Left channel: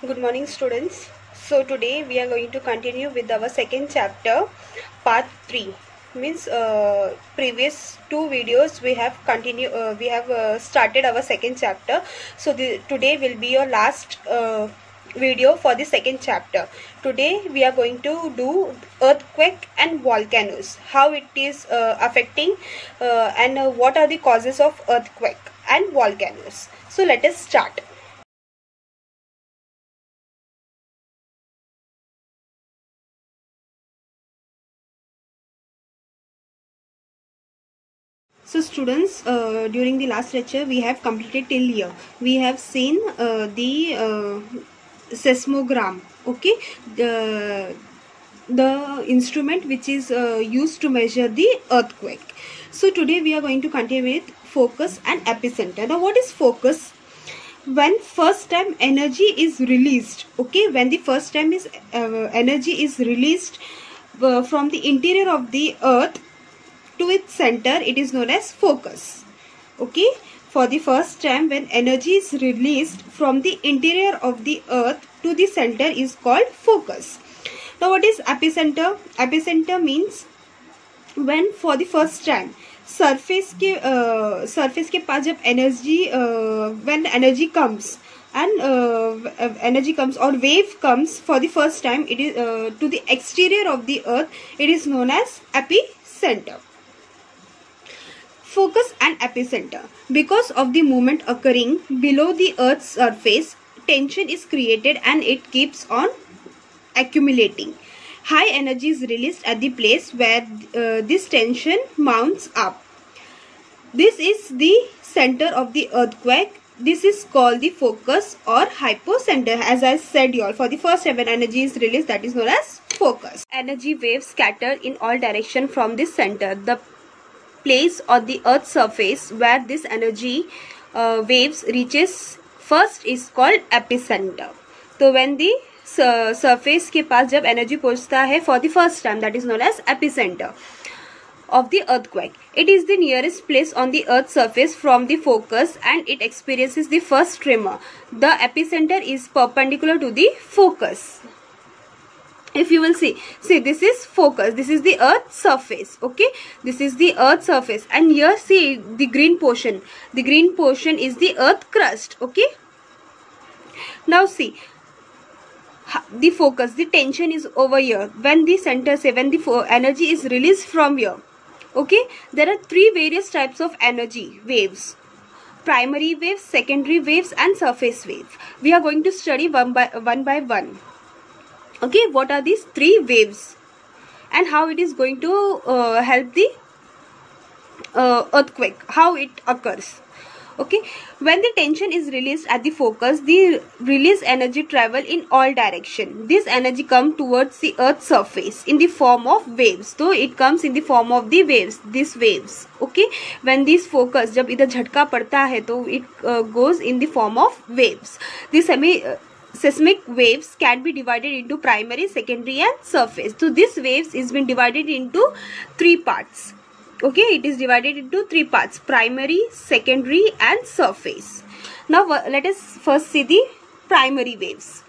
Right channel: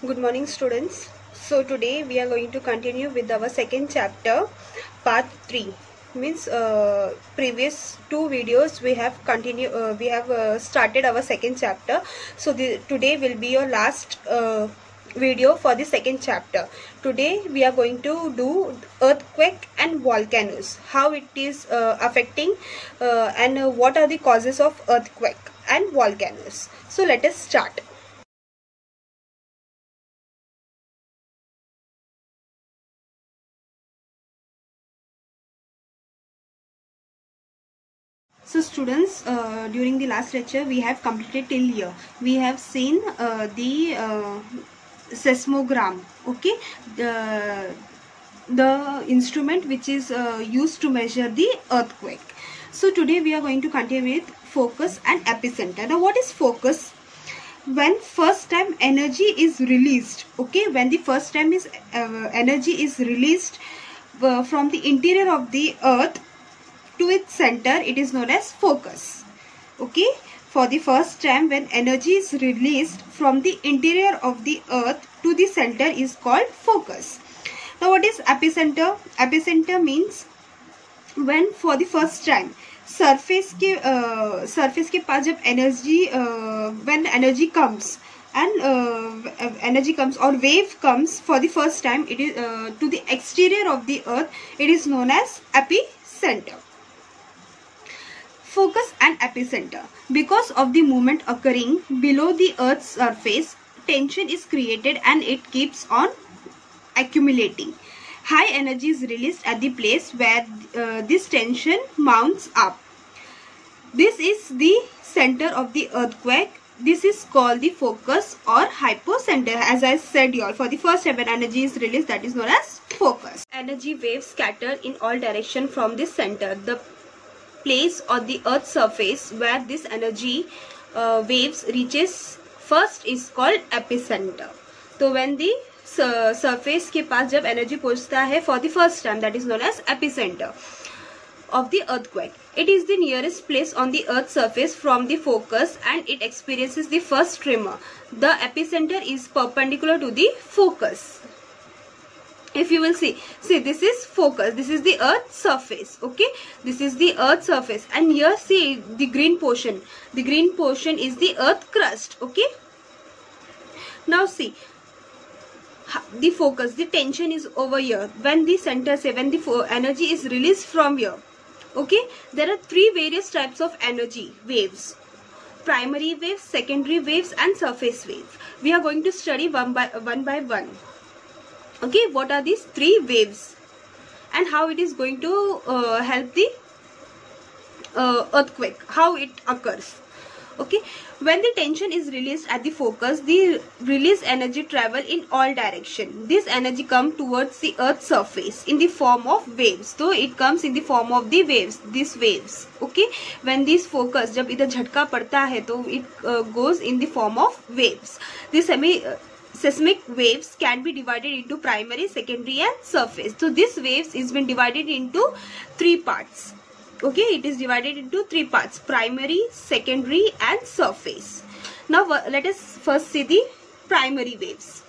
Good morning, students. So today we are going to continue with our second chapter, part 3. Means previous two videos we have started our second chapter. So today will be your last video for the second chapter. Today we are going to do earthquake and volcanoes, how it is affecting and what are the causes of earthquake and volcanoes. So let us start. So students, during the last lecture we have completed till here. We have seen the seismogram, okay, the instrument which is used to measure the earthquake. So today we are going to continue with focus and epicenter. Now what is focus? When first time energy is released, okay, when the first time is energy is released from the interior of the earth to its center, it is known as focus. Okay, for the first time when energy is released from the interior of the earth to the center is called focus. Now what is epicenter? Epicenter means when for the first time surface के पास जब energy when energy comes and energy comes or wave comes for the first time, it is to the exterior of the earth, it is known as epicenter. Focus and epicenter. Because of the movement occurring below the earth's surface, tension is created and it keeps on accumulating. High energy is released at the place where this tension mounts up. This is the center of the earthquake. This is called the focus or hypocenter. As I said here, for the first time when energy is released, that is known as focus. Energy waves scatter in all directions from this center. The place on the earth's surface where this energy waves reaches first is called epicenter. So when the surface के पास जब energy पहुंचता है for the first time, that is known as epicenter of the earthquake. It is the nearest place on the earth's surface from the focus and it experiences the first tremor. The epicenter is perpendicular to the focus. If you will see this is focus, this is the earth surface, okay, this is the earth surface, and here see the green portion is the earth crust, okay. Now see the focus, the tension is over here when the center say when the energy is released from here, okay. There are three various types of energy waves: primary waves, secondary waves and surface wave. We are going to study one by one. Okay, what are these three waves and how it is going to help the earthquake, how it occurs. Okay, when the tension is released at the focus, the released energy travel in all direction. This energy comes towards the earth's surface in the form of waves. So it comes in the form of the waves, these waves. Okay, when this focus जब इधर झटका पड़ता है तो it goes in the form of waves. The seismic waves can be divided into primary, secondary and surface. So this waves is been divided into three parts. Okay, it is divided into three parts: primary, secondary and surface. Now let us first see the primary waves.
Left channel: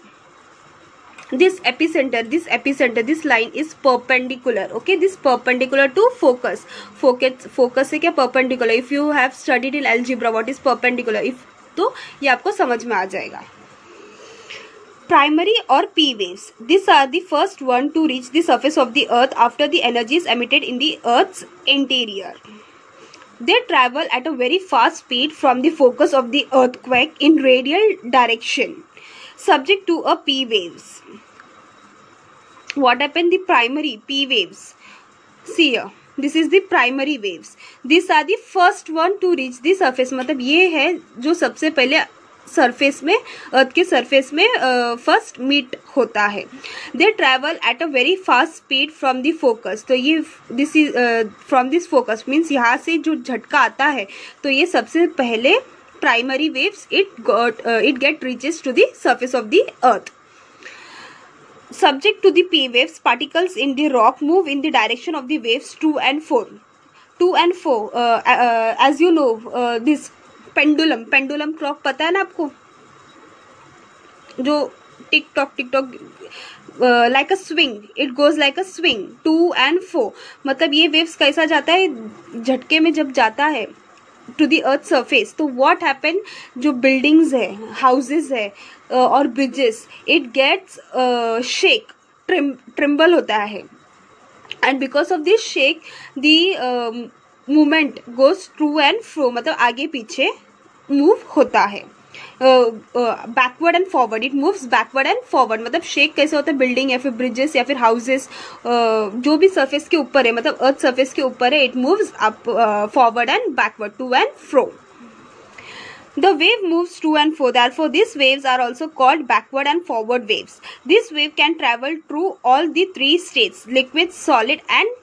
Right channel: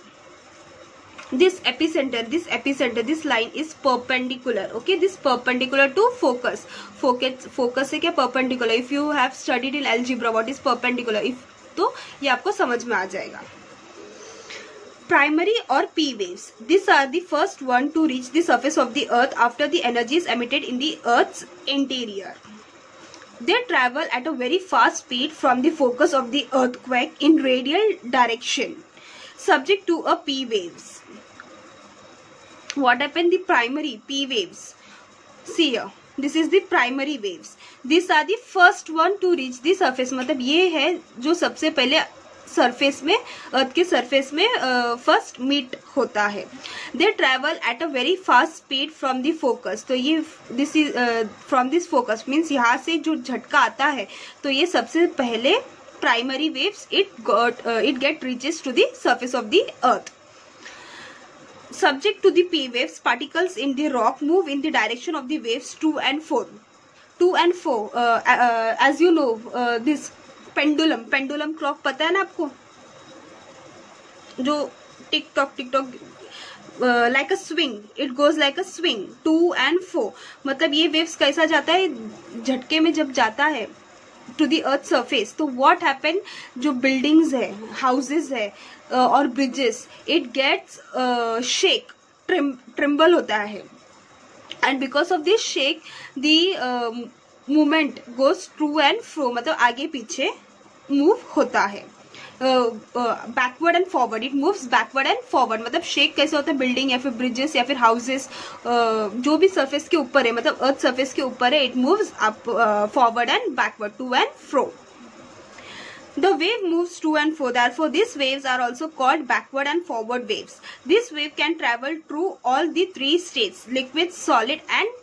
This epicenter, this line is perpendicular. Okay, this perpendicular to focus. Focus से क्या perpendicular? If you have studied in algebra what is perpendicular, if तो ये आपको समझ में आ जाएगा. Primary or P waves. These are the first one to reach the surface of the earth after the energy is emitted in the earth's interior. They travel at a very fast speed from the focus of the earthquake in radial direction, subject to a P waves. What happened? The primary P waves. See here. This is the primary waves. These are the first one to reach the surface. मतलब ये है जो सबसे पहले surface में अर्थ के surface में first meet होता है. They travel at a very fast speed from the focus. तो ये this is from this focus means यहाँ से जो झटका आता है तो ये सबसे पहले primary waves it get reaches to the surface of the earth. Subject to the P waves, particles in the rock move in the direction of the waves 2 and 4. As you know, this pendulum clock पता है ना आपको, जो tick tock like a swing, it goes like a swing to and fro. मतलब ये waves कैसा जाता है, झटके में जब जाता है to the earth surface, तो what happen, जो buildings है, houses है और bridges, it gets shake, tremble होता है, and because of this shake the movement goes to and fro, मतलब आगे पीछे move होता है. Backward and forward, it moves backward and forward. मतलब शेक कैसे होता है, बिल्डिंग या फिर ब्रिजेस या फिर हाउसेस जो भी सरफेस के ऊपर है, मतलब अर्थ सरफेस के ऊपर है, it moves up forward and backward, to and fro. The wave moves to and fro. Therefore, these waves are also called backward and forward waves. This wave can travel through all the three states: liquid, solid, and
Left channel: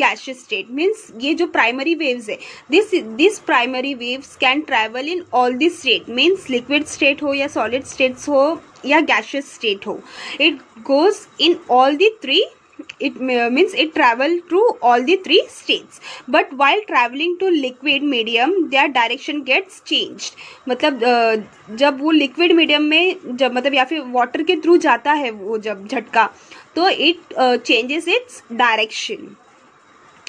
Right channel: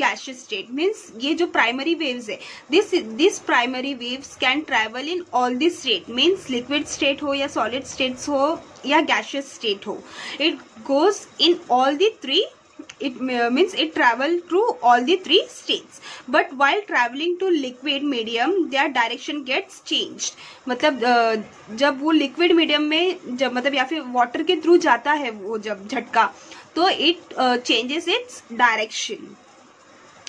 gaseous state. Means ये जो primary waves है, this primary waves can travel in all the state. Means liquid state हो या solid states हो या gaseous state हो, it goes in all the three. It means it travel through all the three states. But while traveling to liquid medium, their direction gets changed. मतलब जब वो liquid medium में जब मतलब या फिर water के through जाता है वो जब झटका, तो it changes its direction.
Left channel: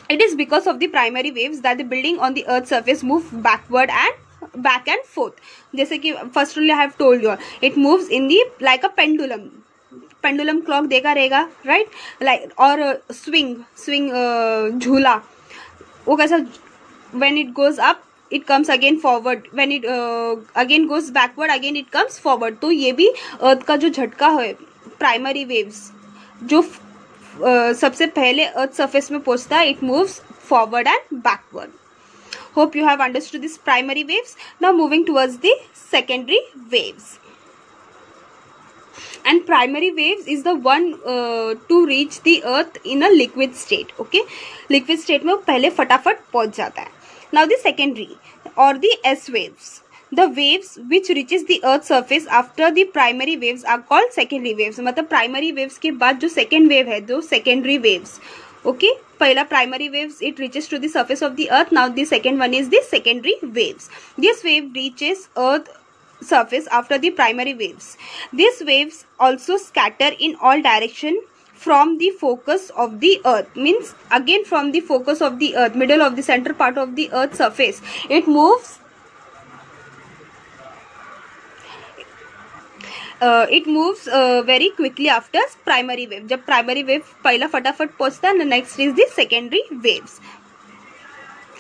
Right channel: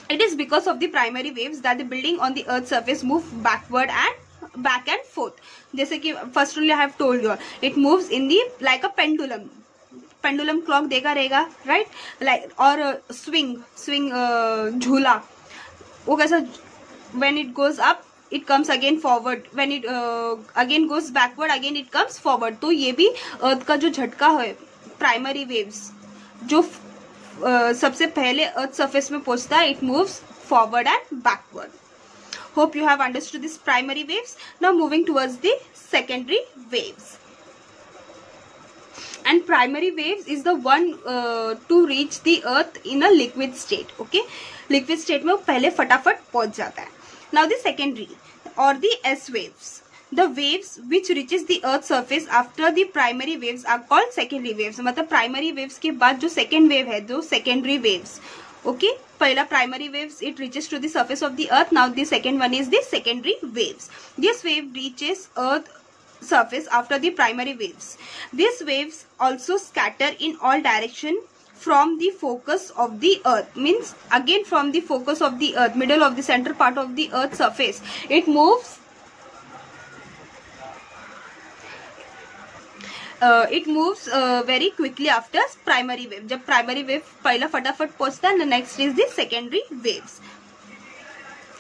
It is because of the primary waves that the building on the earth's surface move backward and back and forth. जैसे कि firstly I have told you, it moves in the like a pendulum. Pendulum clock देखा रहेगा, right? Like और swing झूला, वो कैसा, when it goes up it comes again forward, when it again goes backward again it comes forward. तो ये भी अर्थ का जो झटका है, प्राइमरी वेव्स जो सबसे पहले अर्थ सरफेस में पहुंचता है, it moves forward and backward. Hope you have understood this primary waves. Now moving towards the secondary waves. And primary waves is the one two reach the earth in a liquid state. Okay, liquid state में वो पहले फटाफट पहुंच जाता है. Now the secondary और the S waves, the waves which reaches the earth surface after the primary waves are called secondary waves. मतलब primary waves के बाद जो second wave है, जो secondary waves. Okay, पहला primary waves it reaches to the surface of the earth. Now the second one is the secondary waves. This wave reaches earth surface after the primary waves. These waves also scatter in all direction from the focus of the earth. Means again from the focus of the earth, middle of the center part of the earth surface, it moves very quickly after primary wave. जब primary wave पहला फटाफट पहुंचता है, next is the secondary waves.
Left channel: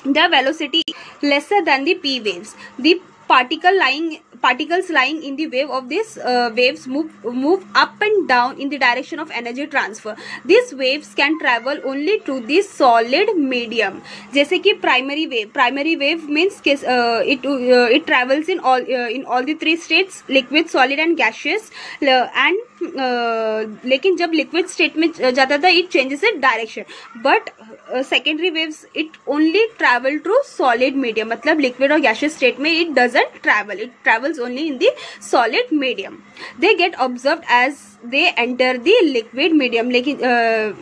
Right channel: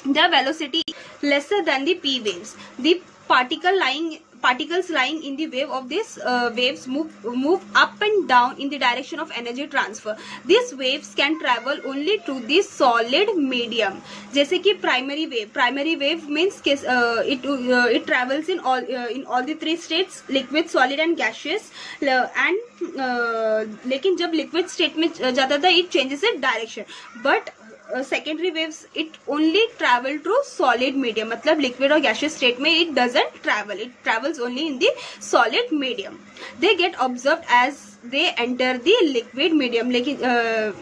The velocity lesser than the P waves. The particles lying in the wave of these waves move up and down in the direction of energy transfer. These waves can travel only through the solid medium. जैसे कि primary wave means it travels in all the three states: liquid, solid and gaseous. And लेकिन जब liquid state में जाता था, it changes its direction. But secondary waves it only travel through solid medium. मतलब liquid और gaseous state में it doesn't travel, it travels only in the solid medium. They get observed as they enter the liquid medium. लेकिन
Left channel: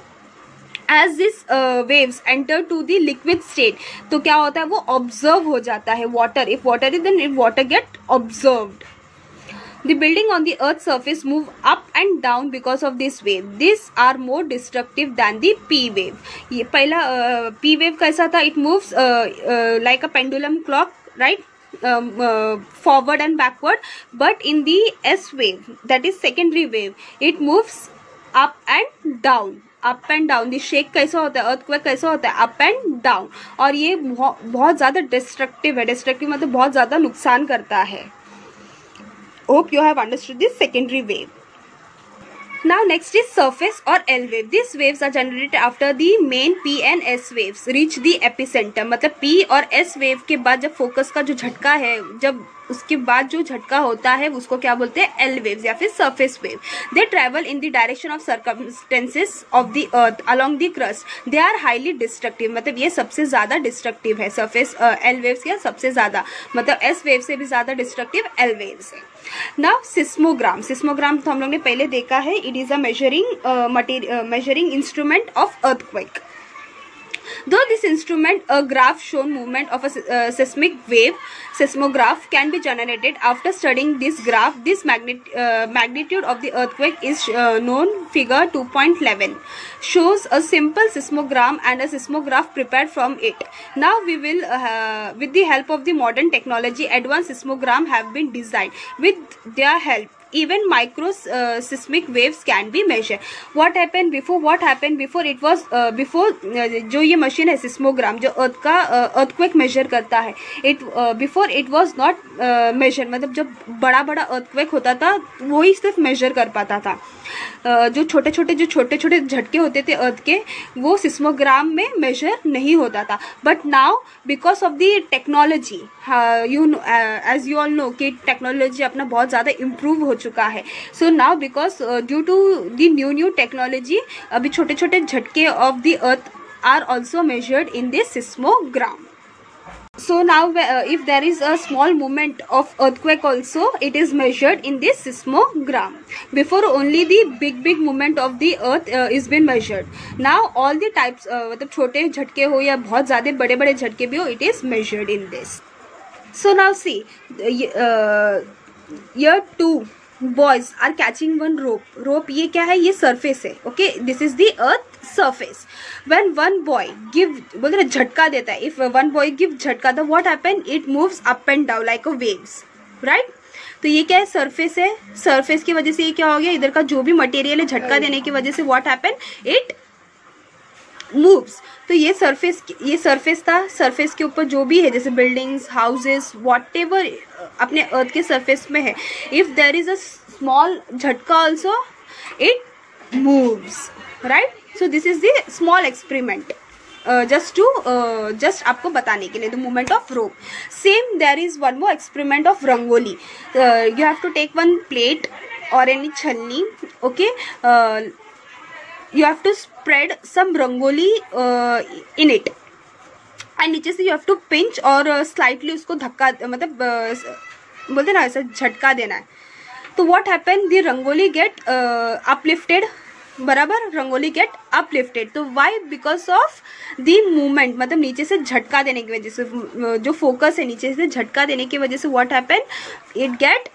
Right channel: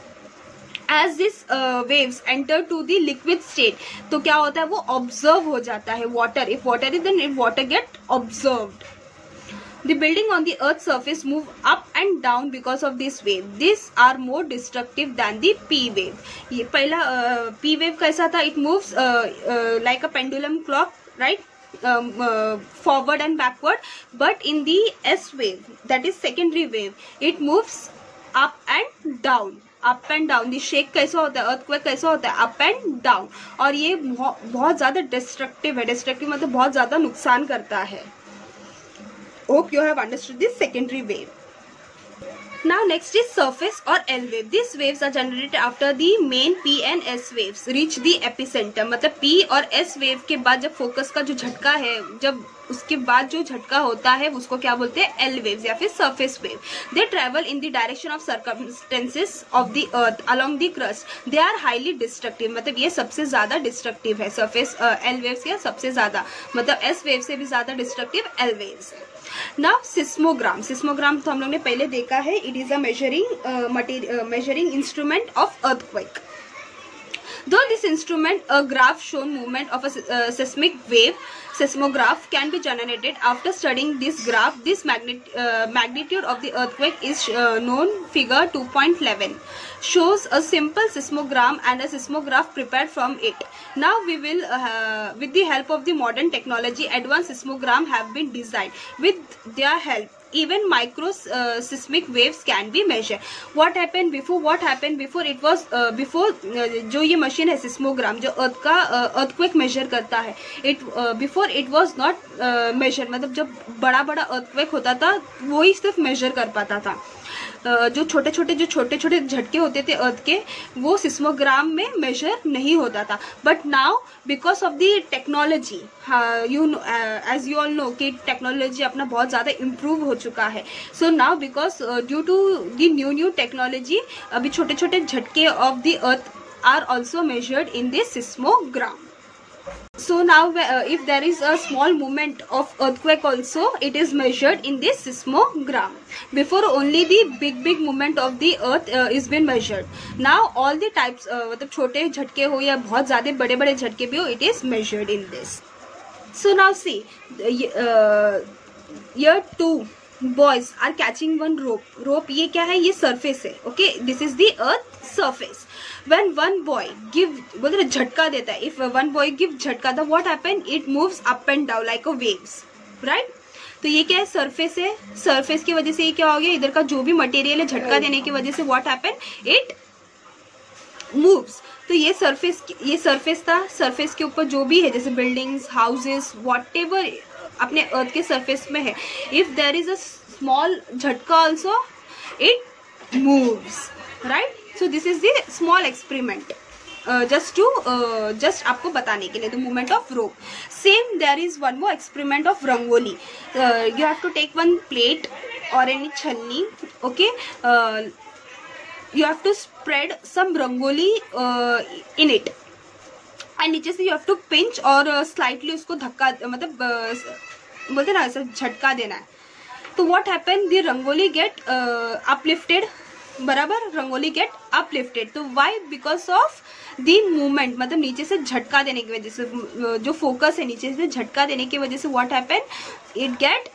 as this waves enter to the liquid state, तो क्या होता है, वो observe हो जाता है. water, if water is, then water get observed. The building on the earth's surface move up and down because of this wave. These are more destructive than the P wave. ये पहला P wave कैसा था, it moves like a pendulum clock, right? Forward and backward. But in the S wave, that is secondary wave, it moves up and down. Up and down. The shake कैसा होता है, earthquake कैसा होता है, up and down. और ये बहुत ज्यादा डिस्ट्रक्टिव है. डिस्ट्रक्टिव मतलब बहुत ज्यादा नुकसान करता है. Hope you have understood this secondary wave. Now next is surface or L wave. These waves are generated after the main P and S waves reach the epicenter. मतलब P और S wave के बाद जब focus का जो झटका है, जब उसके बाद जो झटका होता है उसको क्या बोलते हैं, L waves या फिर surface wave. They travel in the direction of circumstances of the earth along the crust. They are highly destructive. मतलब ये सबसे ज्यादा डिस्ट्रक्टिव है. सर्फेस L waves या सबसे ज्यादा, मतलब S wave से भी ज्यादा डिस्ट्रक्टिव L waves है. Now सिस्मोग्राम तो हम लोग ने पहले देखा है. It is a measuring instrument of earthquake. Though this instrument, a graph shown movement of a seismic wave, seismograph, can be generated. After studying this graph, this magnitude of the earthquake is known. Figure 2.11 shows a simple seismogram and a seismograph prepared from it. Now we will, with the help of the modern technology, advanced seismogram have been designed. With their help, even micro seismic waves can be measured. What happened before? It was जो ये machine है सिस्मोग्राम, जो अर्थ का earthquake measure करता है, before it was not measure, मतलब जब बड़ा अर्थक्वेक होता था वो ही सिर्फ मेजर कर पाता था. जो छोटे छोटे झटके होते थे अर्थ के, वो सिस्मोग्राम में मेजर नहीं होता था. But now because of the technology, as you all know कि टेक्नोलॉजी अपना बहुत ज्यादा इम्प्रूव हो चुका है. So now because due to the new technology, अभी छोटे छोटे झटके of the earth are also measured in this seismogram. So now if there is a small movement of earthquake also, it is measured in this seismogram. Before only the big movement of the earth is been measured. Now all the types, मतलब छोटे झटके हो या बहुत ज्यादा बड़े झटके भी हो, it is measured in this. So now see, here two boys are catching one rope. ये क्या है? ये surface है. Okay, this is the earth surface. When one boy बोलते हैं झटका देता है, if one boy give झटका, तो what happen? It moves up and down like a waves, right? तो ये क्या है? सरफेस है. सरफेस की वजह से ये क्या हो गया? इधर का जो भी मटेरियल है, झटका देने की वजह से what happen? It moves. तो ये सरफेस था. सरफेस के ऊपर जो भी है, जैसे बिल्डिंग्स, हाउसेस, व्हाटएवर अपने अर्थ के सरफेस में है, if there is a small झटका also, it moves, right? So this is the small experiment, just आपको बताने के लिए, the movement of rope. Same, there is one more experiment of rangoli. You have to take one plate or any छन्नी, okay? You have to spread some rangoli in it, and नीचे से you have to pinch और slightly उसको धक्का, मतलब बोलते ना ऐसा झटका देना है. तो what happened? The rangoli get uplifted. बराबर, रंगोली गेट अपलिफ्टेड. तो why? Because of the movement, मतलब नीचे से झटका देने की वजह से, जो फोकस है नीचे से झटका देने की वजह से what happen? It get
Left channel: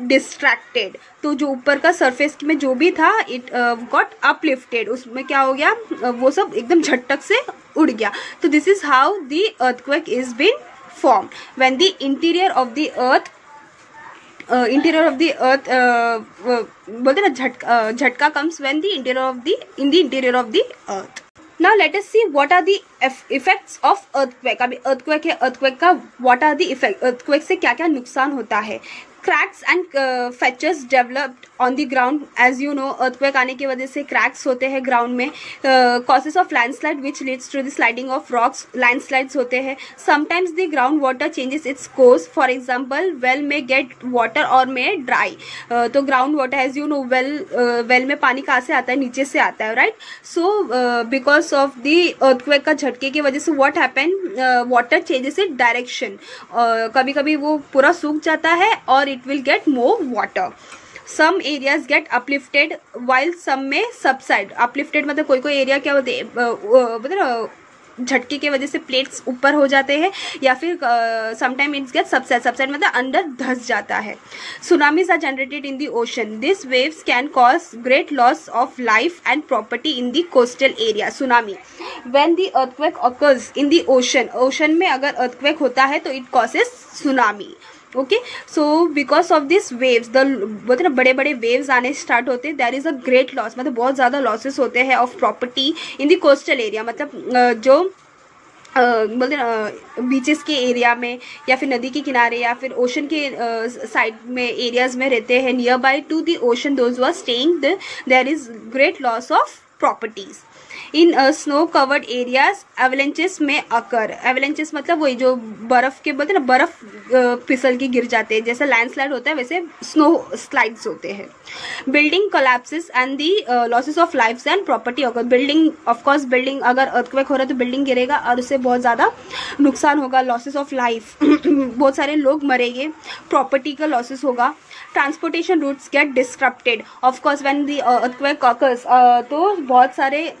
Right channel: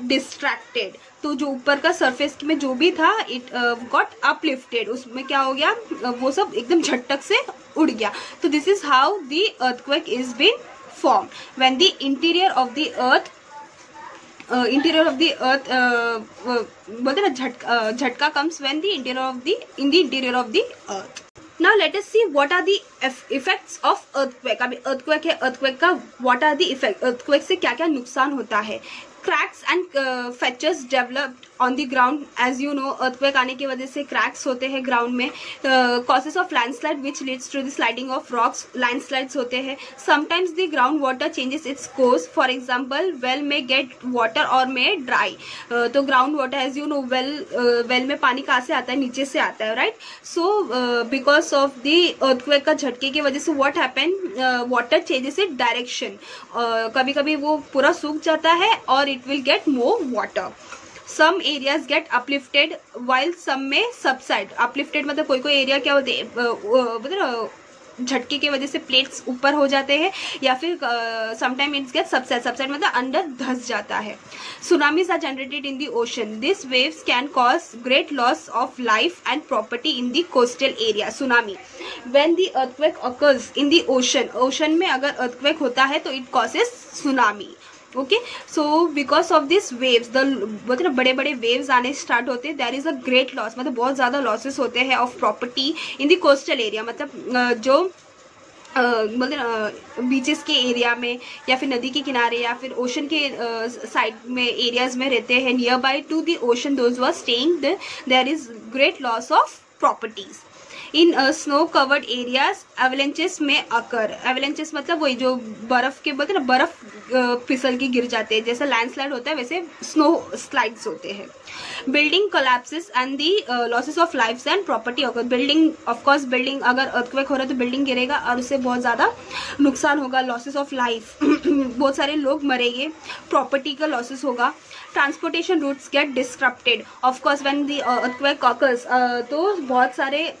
distracted. तो जो ऊपर का सरफेस में जो भी था, इट गॉट अपलिफ्टेड. उसमें क्या हो गया? वो सब एकदम झटक से उड़ गया. तो this is how the earthquake is been form. When the interior of the earth बोलते ना झटका comes when the in the interior of the earth. Now let us see what are the effects of earthquake. अभी earthquake है, earthquake का what are the effects? earthquake से क्या क्या नुकसान होता है? Cracks and fractures developed on the ground. As you know, earthquake आने की वजह से cracks होते हैं ground में. Causes of landslide which leads to the sliding of rocks. Landslides होते हैं. Sometimes the groundwater changes its course. For example, well may get water or may dry. तो groundwater, as you know, well में पानी कहाँ से आता है? नीचे से आता है, right? So because of the earthquake का झटके की वजह से what happen? Water changes its direction. कभी कभी वो पूरा सूख जाता है और it will get more water. Some areas get uplifted while some may subside. Uplifted मतलब कोई एरिया क्या होते हैं, मतलब झटके की वजह से प्लेट्स ऊपर हो जाते हैं, या फिर समटाइम इट्स गेट सबसाइड मतलब अंदर धंस जाता है. Tsunamis are generated in the ocean. This waves can cause great loss of life and property in the coastal area. Tsunami, when the earthquake occurs in the ocean में अगर earthquake होता है तो it causes tsunami. Okay, so because of this waves, बोलते ना बड़े waves आने start होते हैं, there is a great loss, मतलब बहुत ज्यादा लॉसेस होते हैं of property in the coastal area. मतलब जो बोलते ना बीचेस के एरिया में, या फिर नदी के किनारे, या फिर ओशन के साइड में एरियाज में रहते हैं, nearby to the ocean, those who are staying there is great loss of properties. In snow covered areas avalanches में अकर. एवलेंचेस मतलब वही जो बर्फ के, बोलते ना बर्फ फिसल के गिर जाते हैं, जैसे लैंडस्लाइड होता है वैसे स्नो स्लाइड्स होते हैं. Building collapses and the losses of lifes and property occur. Building, of course building, अगर अर्थक्वेक हो रहा है तो बिल्डिंग गिरेगा और उससे बहुत ज्यादा नुकसान होगा. लॉसेस ऑफ लाइफ, बहुत सारे लोग मरेंगे. प्रॉपर्टी का लॉसेस होगा. Transportation routes get disrupted. Of course when the earthquake occurs, तो बहुत सारे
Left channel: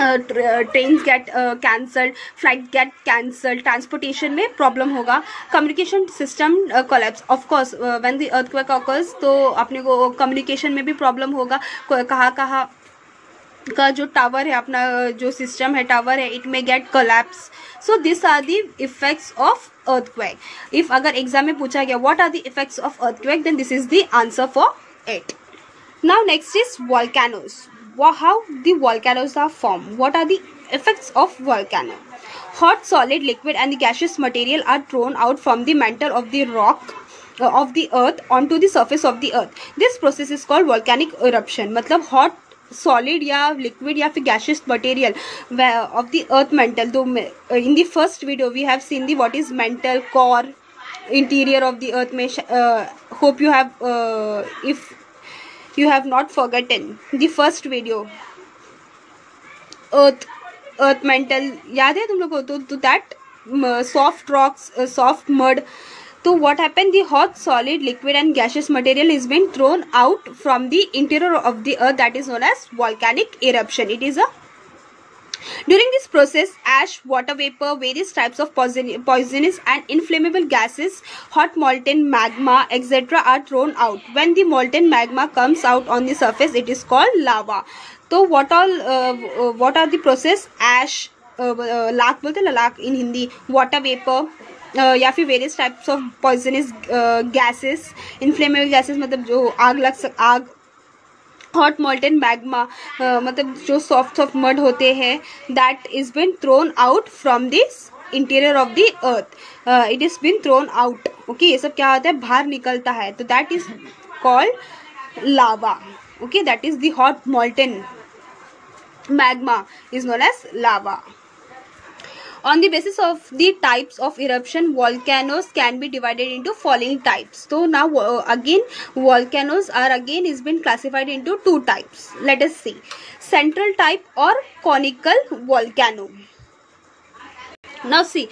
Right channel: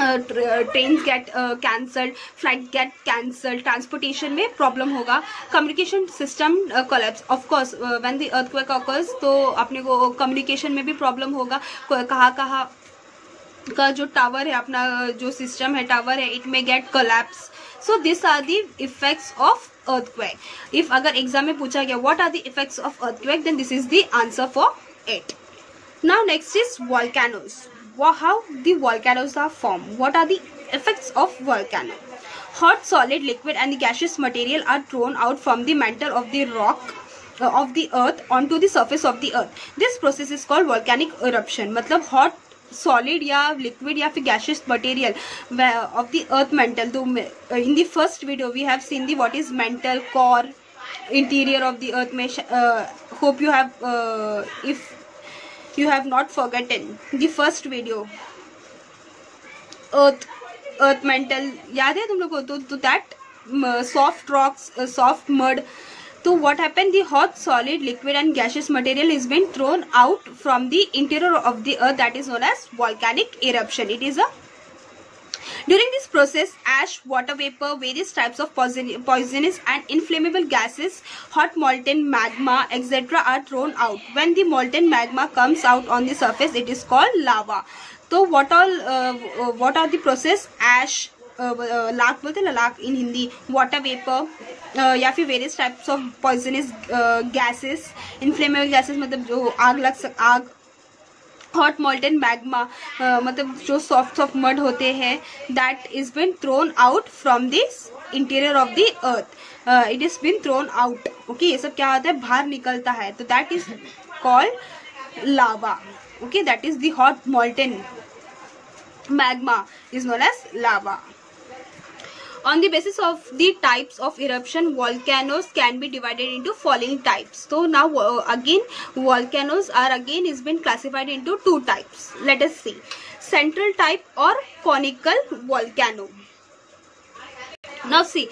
trains get cancelled, flight get cancelled, transportation में प्रॉब्लम होगा, communication system collapse, of course when the earthquake occurs तो अपने को कम्युनिकेशन में भी प्रॉब्लम होगा, कहाँ का जो टावर है, अपना जो सिस्टम है, टावर है, it may get collapse. So this are the effects of earthquake. If अगर एग्जाम में पूछा गया what are the effects of earthquake, then this is the answer for it. Now next is volcanoes. How the volcanoes are formed? What are the effects of volcano? Hot, solid, liquid and the gaseous material are thrown out from the mantle of the rock of the earth onto the surface of the earth. This process is called volcanic eruption. मतलब hot, solid या liquid या फिर gaseous material of the earth mantle. तो in the first video we have seen the what is mantle, core, interior of the earth. में hope you have if you have not forgotten the first video, earth mantle याद है तुम लोग को? तो that soft rocks, soft mud. So what happened? The hot, solid, liquid and gaseous material is being thrown out from the interior of the earth, that is known as volcanic eruption. It is a during this process, ash, water vapor, various types of poisonous and inflammable gases, hot molten magma, etc. are thrown out. When the molten magma comes out on the surface, it is called lava. So what are the process? Ash, lakh बोलते हैं lakh in Hindi, water vapor, या फिर various types of poisonous gases, inflammable gases मतलब जो आग, hot molten magma मतलब जो soft mud होते हैं, that is been thrown out from this interior of the earth. It is been thrown out. Okay, ये सब क्या होता है? बाहर निकलता है. तो that is called lava. Okay, that is the hot molten magma is known as lava. On the basis of the types of eruption, volcanoes can be divided into following types. So now again volcanoes are again is been classified into two types. Let us see, central type or conical volcano. Now see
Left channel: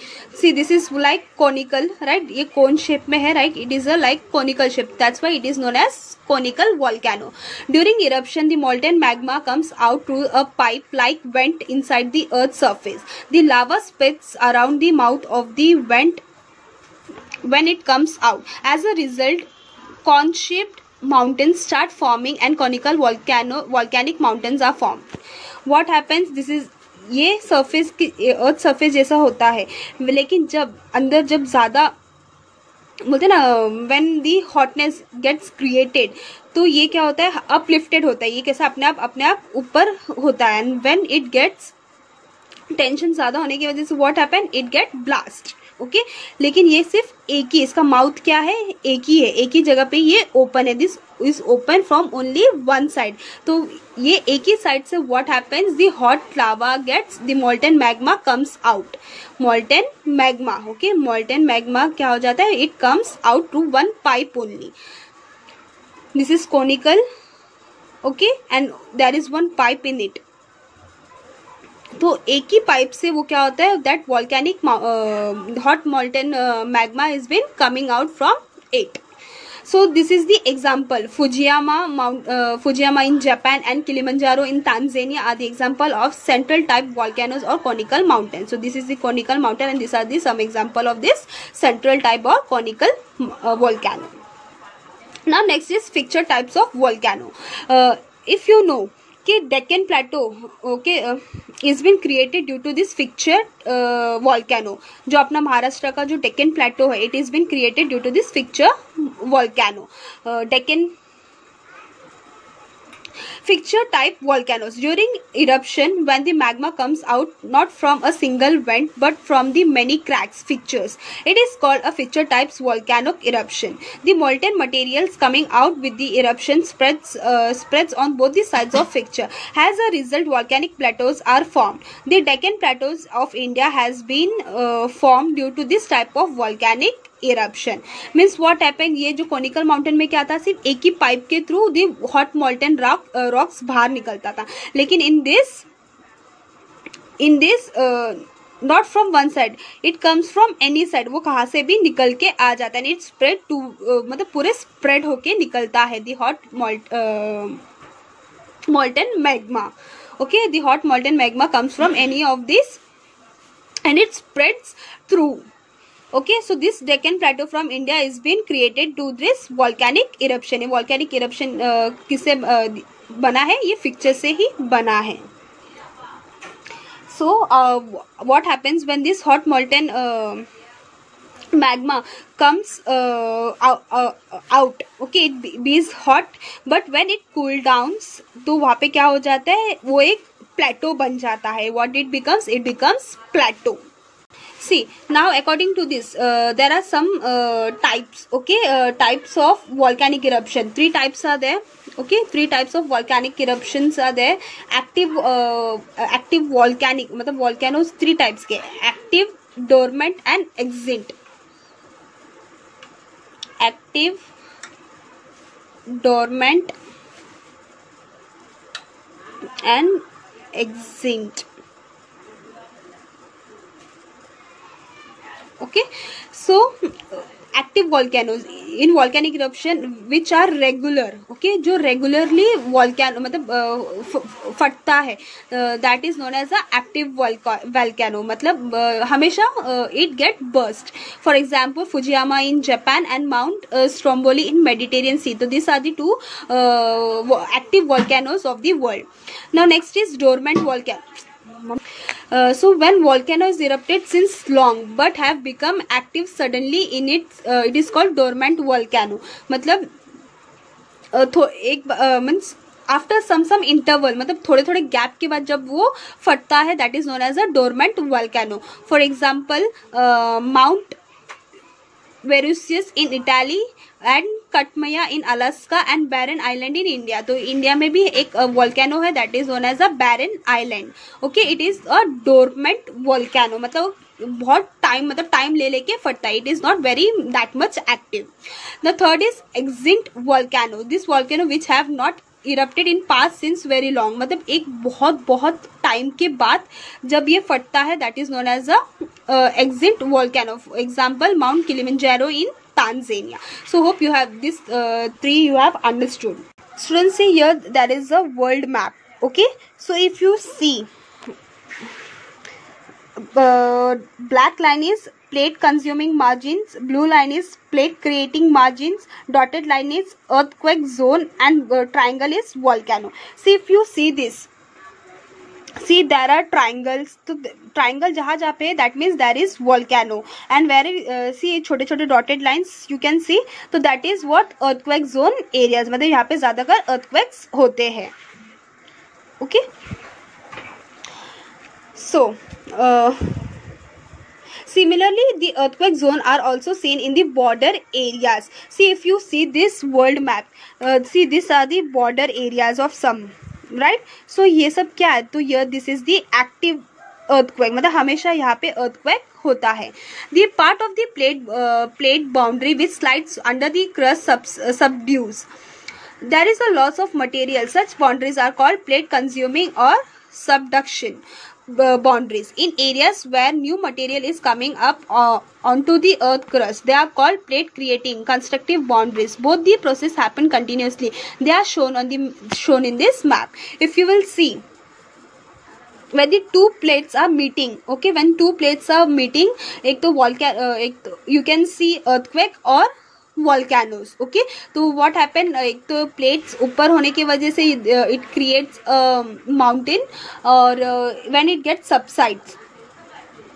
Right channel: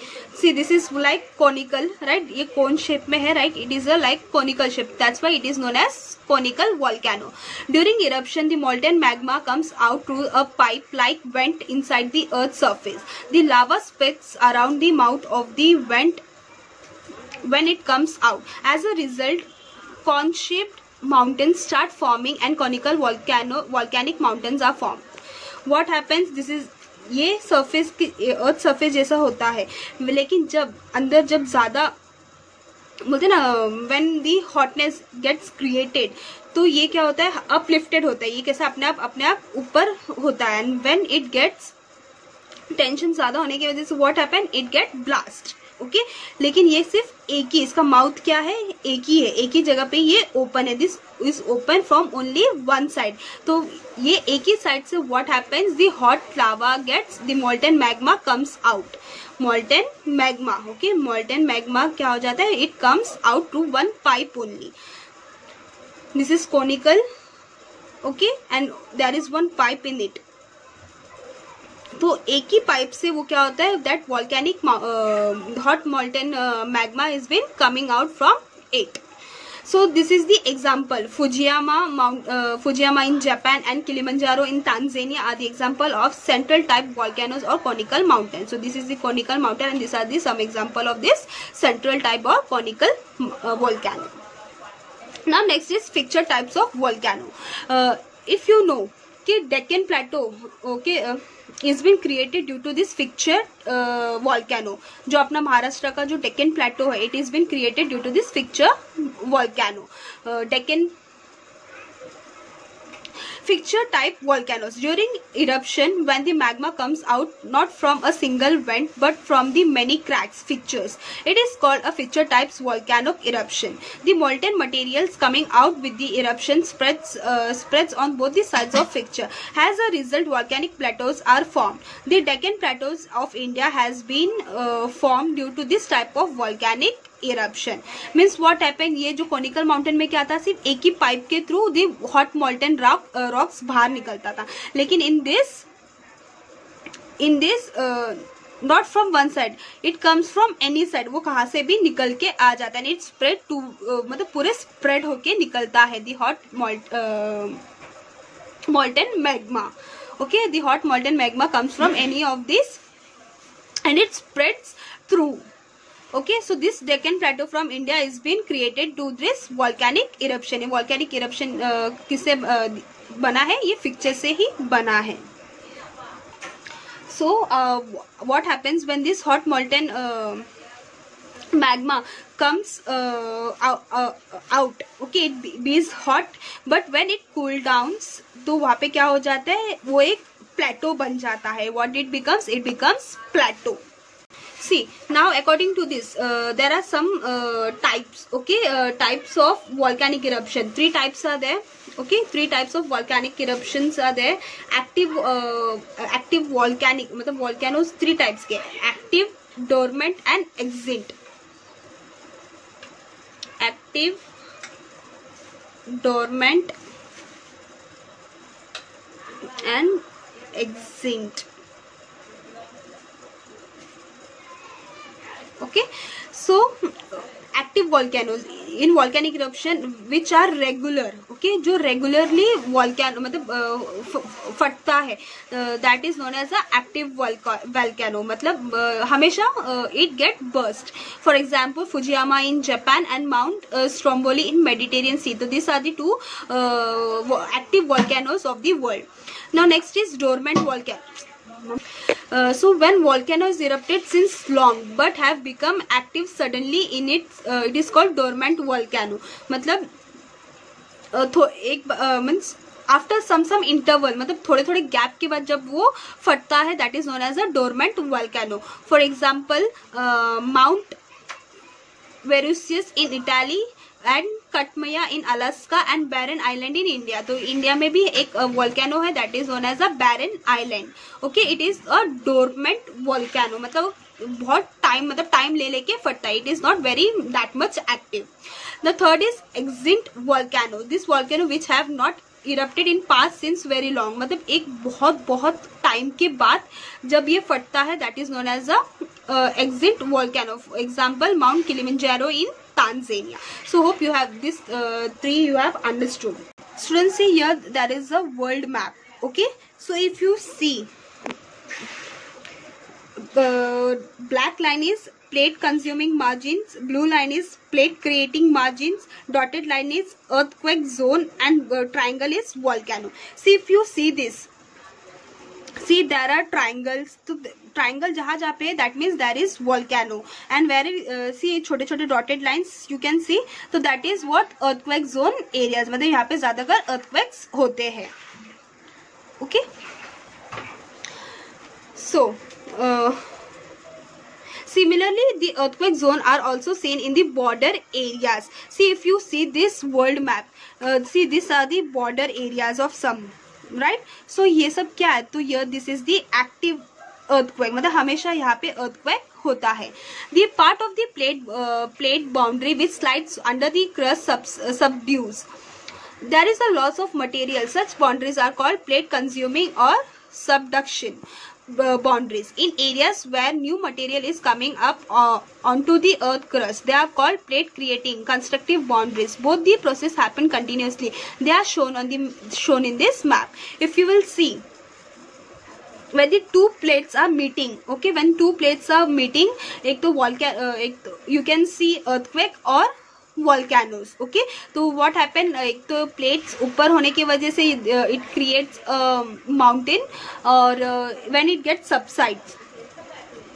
this is like conical, right? ये cone shape में है, right? It is a like conical shape. That's why it is known as conical volcano. During eruption, the molten magma comes out through a pipe-like vent inside the Earth's surface. The lava spits around the mouth of the vent when it comes out. As a result, cone-shaped mountains start forming and conical volcanic mountains are formed. What happens? This is ये surface earth surface जैसा होता है, लेकिन जब अंदर जब ज्यादा बोलते ना when the hotness gets created, तो ये क्या होता है? अपलिफ्टेड होता है. ये कैसा अपने आप ऊपर होता है. And when it gets tension ज्यादा होने की वजह से what happen? It get blast. Okay, लेकिन ये सिर्फ एक ही, इसका माउथ क्या है? एक ही है, एक ही जगह पे ये ओपन है. This is open from only one side. तो ये एक ही साइड से what happens? The hot lava gets the molten magma comes out. Molten magma, okay, molten magma क्या हो जाता है? It comes out through one pipe only. This is conical, okay, and there is one pipe in it. तो एक ही pipe से वो क्या होता है? That volcanic hot molten magma is been coming out from it. So this is the example. Fujiyama in Japan and Kilimanjaro in Tanzania are the example of central type volcanoes or conical mountains. So this is the conical mountain and these are the some example of this central type or conical volcano. Now next is fixture types of volcano. If you know कि Deccan plateau okay is been created due to this fixture volcano. जो अपना महाराष्ट्र का जो Deccan plateau है, it is been created due to this fixture volcano. Deccan Fixture type volcanoes. During eruption, when the magma comes out not from a single vent but from the many cracks, fixtures, it is called a fixture type volcanic eruption. The molten materials coming out with the eruption spreads on both the sides of fixture. As a result, volcanic plateaus are formed. The Deccan Plateaus of India has been formed due to this type of volcanic eruption. Means what happened? ये जो conical mountain में क्या था? सिर्फ एक ही pipe के through the hot मॉल्टन rocks बाहर निकलता था. लेकिन in this not from one side, it comes from any side. वो कहाँ से भी निकल के आ जाता है. इट स्प्रेड टू मतलब पूरे स्प्रेड होके निकलता है the hot molten magma. Okay, the hot molten magma comes from any of these and it spreads through. Okay, so this Deccan Plateau from India is been created to this volcanic eruption. Volcanic eruption किससे बना है? ये picture से ही बना है. So what happens when this hot molten magma comes out? Okay, it is hot, but when it cool downs, तो वहाँ पे क्या हो जाता है? वो एक plateau बन जाता है. What it becomes? It becomes plateau. See, now according to this, there are some types. Okay, types of volcanic eruption. 3 types are there. Okay, 3 types of volcanic eruptions are there. Active volcanic, मतलब volcanoes 3 types के. Active, dormant and extinct. Active, dormant and extinct. Okay, so active volcanoes in volcanic eruption which are regular. Okay, जो regularly volcano मतलब फटता है, that is known as a active volcano. मतलब हमेशा it get burst. For example, Fujiyama in Japan and Mount Stromboli in Mediterranean Sea. So these are the 2 active volcanoes of the world. Now next is dormant volcano. So when volcano is erupted since long but have become active suddenly in it is called dormant volcano. मतलब एक means after some interval, मतलब थोड़े थोड़े gap के बाद जब वो फटता है, that is known as a dormant volcano. For example, Mount Vesuvius in Italy and Katmaya in Alaska and Barren Island in India. तो इंडिया में भी एक volcano है, that is known as a Barren Island. Okay, it is a dormant volcano. मतलब बहुत time ले लेके फटता है. It is not very that much active. The third is extinct volcano. This volcano which have not erupted in past since very long. मतलब एक बहुत time के बाद जब ये फटता है, that is known as a extinct volcano. For example, Mount Kilimanjaro in Tanzania. So hope you have this 3 you have understood. Students, see here there is a world map. Okay, so if you see, black line is plate consuming margins, blue line is plate creating margins, dotted line is earthquake zone and triangle is volcano. See, if you see this, see there are triangles. तो triangle जहाँ जहाँ पे that means there is volcano, and where see छोटे छोटे dotted lines you can see, तो that is what earthquake zone areas. मतलब यहाँ पे ज्यादातर earthquakes होते हैं. Okay, so similarly the earthquake zone are also seen in the border areas. See, if you see this world map, see these are the border areas of some, right? So ये सब क्या है? तो ये this is the active earthquake. मतलब हमेशा यहाँ पे earthquake होता है. The part of the plate boundary which slides under the crust subdues. There is a loss of material. Such boundaries are called plate consuming or subduction boundaries. In areas where new material is coming up onto the earth crust, they are called plate creating constructive boundaries. Both the process happen continuously. They are shown in this map. If you will see, when the 2 plates are meeting, okay, when 2 plates are meeting, एक तो volcano, you can see earthquake or volcanoes. Okay, तो what happen, एक तो plates ऊपर होने की वजह से it creates a mountain, और when it gets subsides,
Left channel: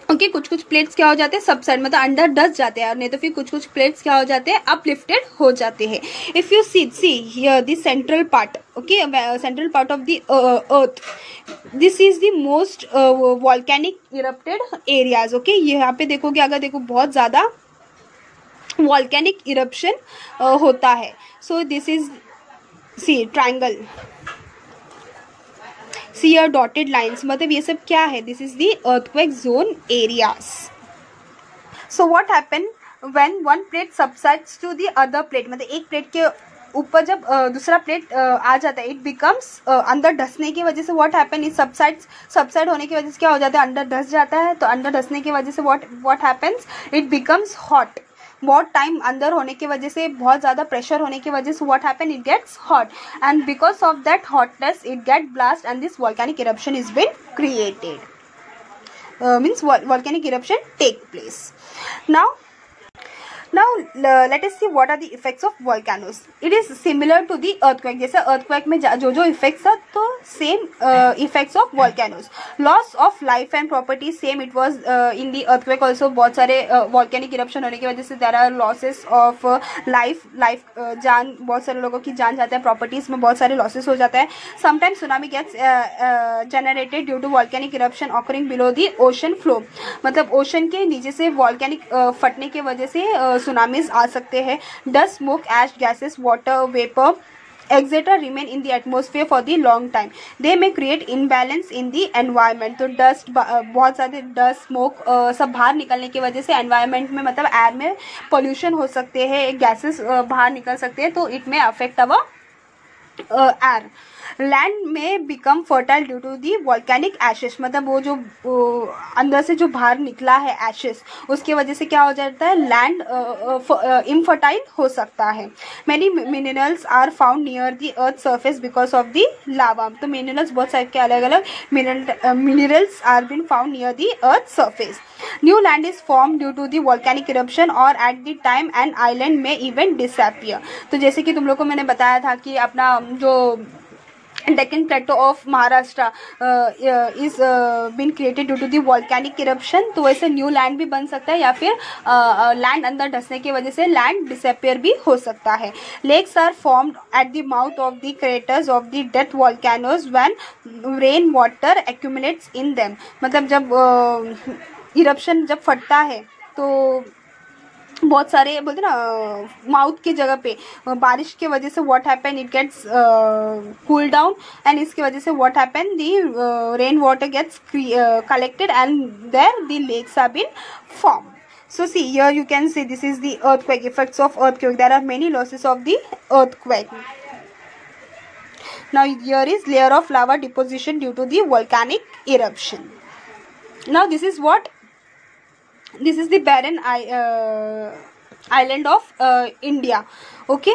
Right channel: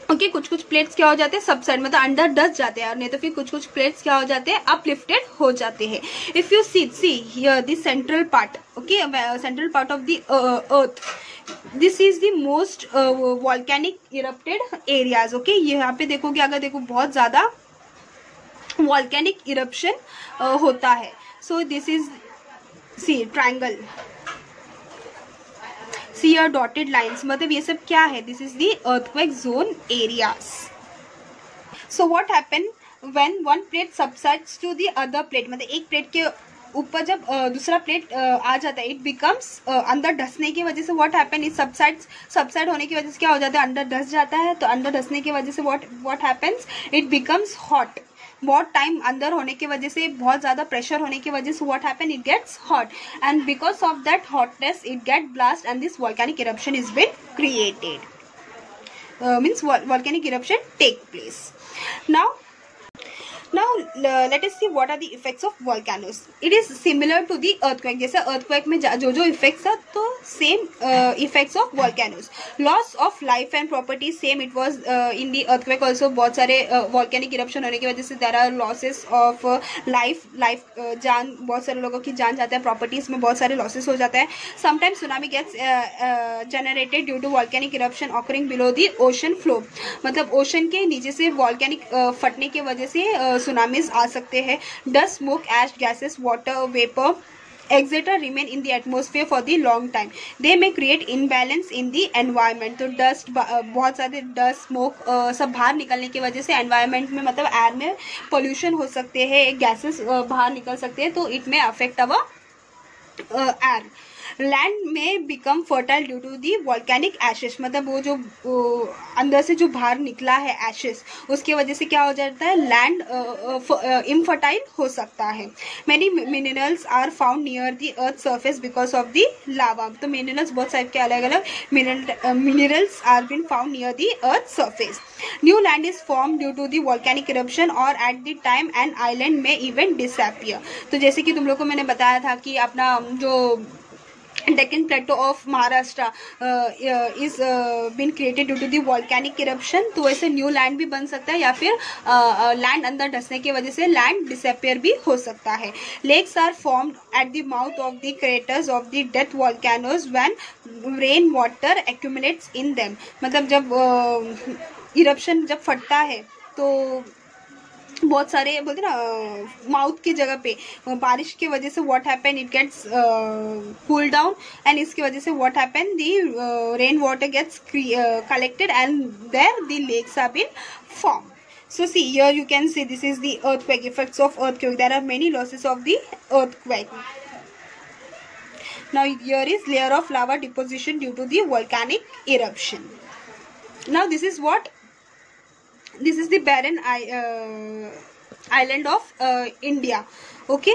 okay, कुछ प्लेट्स क्या हो जाते हैं सबसाइड, मतलब अंडर डस्ट जाते हैं, और नहीं तो फिर कुछ प्लेट्स क्या हो जाते हैं अपलिफ्टेड हो जाते हैं. If you see here the central part, okay, central part of the earth, this is the most volcanic erupted areas. Okay, यहाँ पे देखोगे, अगर देखो बहुत ज्यादा वॉल्केनिक इरप्शन होता है. So this is see triangle, see your dotted lines, मतलब ये सब क्या है? This is the earthquake zone areas. So what happen when one plate subsides to the other plate? मतलब एक प्लेट के ऊपर जब दूसरा प्लेट आ जाता है, it becomes अंदर धंसने की वजह से what happen is subside होने की वजह से क्या हो जाता है? अंदर धंस जाता है. तो अंदर धंसने की वजह से what happens? It becomes hot. बहुत टाइम अंदर होने की वजह से, बहुत ज़्यादा प्रेशर होने की वजह से what happen, it gets hot, and because of that hotness it get blast and this volcanic eruption is been created. Means volcanic eruption take place. Now let us see what are the effects of volcanoes. It is similar to the earthquake. जैसे earthquake में जो effects था, तो same effects of volcanoes. Loss of life and property, same it was in the earthquake also. बहुत सारे volcanic eruption होने की वजह से there are losses of life जान, बहुत सारे लोगों की जान जाता है, properties में बहुत सारे losses हो जाता है. Sometimes tsunami gets generated due to volcanic eruption occurring below the ocean floor. मतलब ocean के नीचे से volcanic फटने की वजह से सुनामीज आ सकते हैं. Dust, smoke, ash, gases, water vapour etcetera remain in the atmosphere for the long time. They may create imbalance in the environment. तो डस्ट, बहुत सारे डस्ट, स्मोक सब बाहर निकलने की वजह से एनवायरनमेंट में, मतलब एयर में पोल्यूशन हो सकते हैं, गैसेस बाहर निकल सकते हैं, तो it may affect our air. Land में become fertile due to the volcanic ashes. मतलब वो जो अंदर से जो बाहर निकला है एशेस, उसकी वजह से क्या हो जाता है, लैंड इनफर्टाइल हो सकता है. Many minerals are found near the earth surface because of the lava. तो मिनरल्स, बहुत सारे के अलग अलग minerals are been found near the earth surface. New land is form due to the volcanic eruption और at the time an island में even disappear. तो जैसे कि तुम लोग को मैंने बताया था कि अपना जो Deccan Plateau of Maharashtra is been created due to the volcanic eruption. तो ऐसे न्यू लैंड भी बन सकता है, या फिर लैंड अंदर धंसने की वजह से लैंड डिसअपियर भी हो सकता है. Lakes are formed at the mouth of the craters of the death volcanoes when rain water accumulates in them. मतलब जब इरप्शन जब फटता है तो बहुत सारे बोलते ना माउथ की जगह पे बारिश की वजह से what happen, it gets cool down, and इसकी वजह से what happen, the rain water gets collected and there the lakes are been form. So see here you can see this is the earthquake, effects of earthquake. There are many losses of the earthquake. Now here is layer of lava deposition due to the volcanic eruption. Now this is the barren island of India. Okay,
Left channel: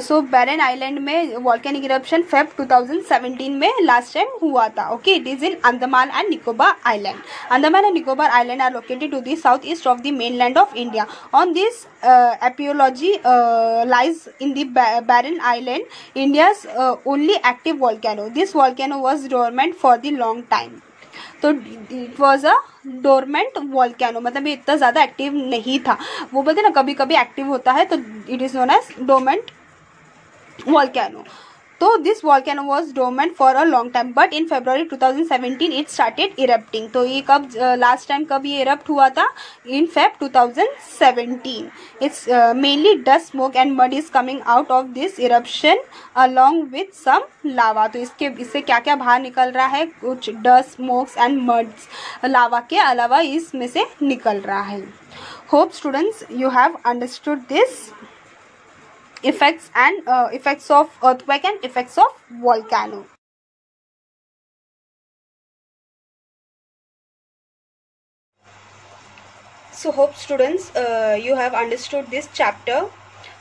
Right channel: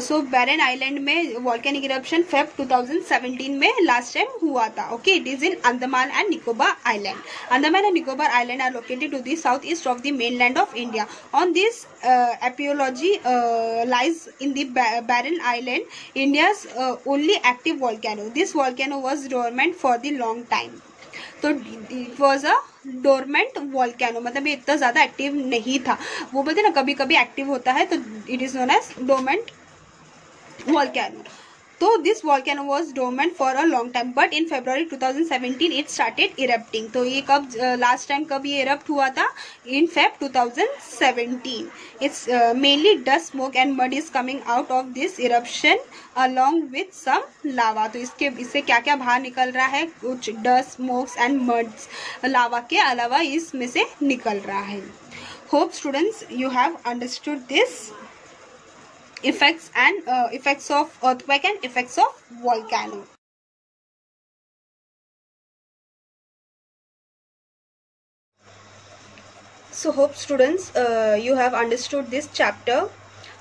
so barren island में volcanic eruption Feb 2017 में last time हुआ था. Okay, it is in Andaman and Nicobar island. Andaman and Nicobar island are located to the south east of the mainland of India. On this एपियोलॉजी lies in the barren island India's only active volcano. This volcano was dormant for the long time. तो it was a dormant volcano, मतलब ये इतना ज़्यादा active नहीं था. वो बोलते ना कभी कभी एक्टिव होता है, तो it is known as dormant volcano. तो this volcano was dormant for a long time, but in February 2017 it started erupting. तो ये कब लास्ट टाइम कब ये erupt हुआ था, in Feb 2017. It's mainly dust, smoke and mud is coming out of this eruption along with some lava. तो इससे क्या क्या बाहर निकल रहा है, कुछ dust, smokes and muds लावा के अलावा इसमें से निकल रहा है. Hope students you have understood this effects and effects of earthquake and effects of volcano. So hope students you have understood this chapter.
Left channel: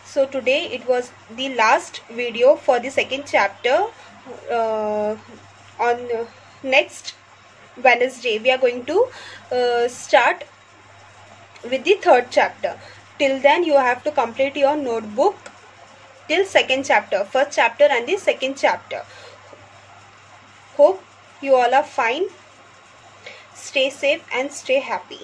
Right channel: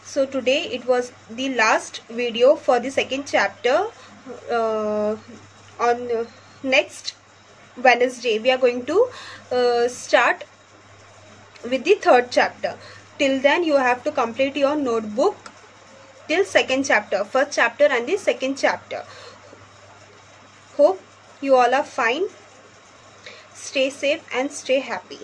So today it was the last video for the second chapter. On next Wednesday we are going to start with the third chapter. Till then you have to complete your notebook till second chapter, first chapter and the second chapter. Hope you all are fine. Stay safe and stay happy.